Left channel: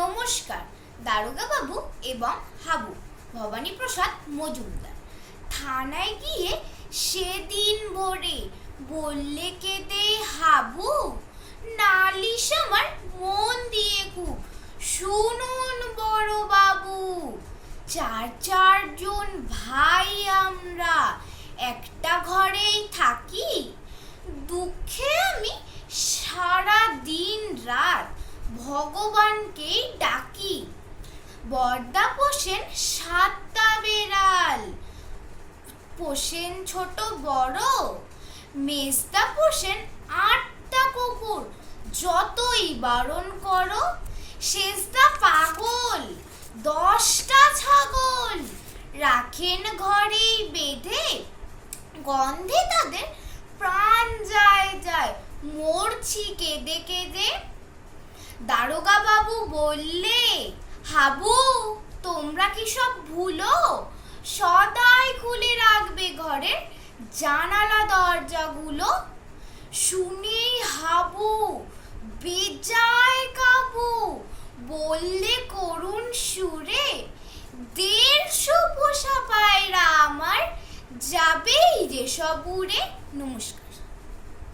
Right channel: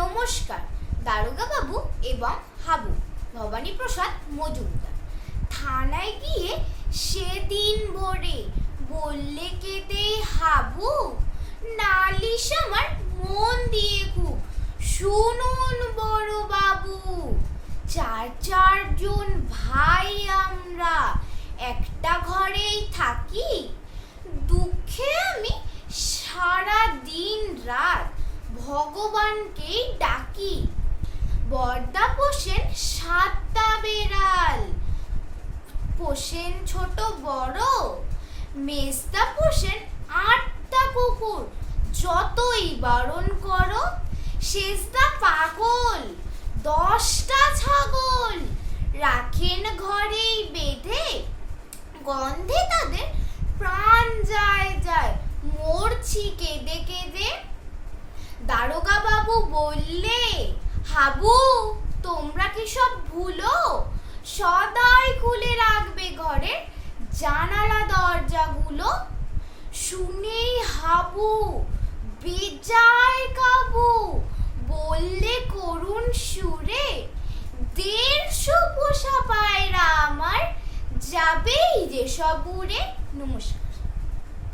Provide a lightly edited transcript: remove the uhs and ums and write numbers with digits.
নমস্কার। দারোগা বাবু এবং হাবু ভবানী প্রসাদ মজুমদার থানায় গিয়ে সেদিন ভোরে বললে কেঁদেই হাবু, নালিশ আমার মন দিয়ে খুব শুনুন বড় বাবু। চারজন ভাই আমরা একটা ঘরেই থাকি, দুঃখে আমি সারা দিন রাত ভগবানকেই ডাকি। বড়দা পোষেন 7টা বেড়াল, পোষেন ছোট বড়, মেজদা পোষেন 8টা কুকুর, যতই বারণ করো। সেজদা পাগল 10টা ছাগল, রাখেন ঘরেই বেঁধে, গন্ধে তাদের প্রাণ যায়, মরছি কেঁদে কেঁদে। দারোগা বাবু বললে, হাবু তোমরা কি সব ভুলো, সদাই খুলে রাখবে ঘরের জানালা দরজাগুলো। শুনেই হাবু বেজায় কাবু, বললে করুণ সুরে, 150 পোষা পায়রা আমার যাবেই যে সব উড়ে। নমস্কার।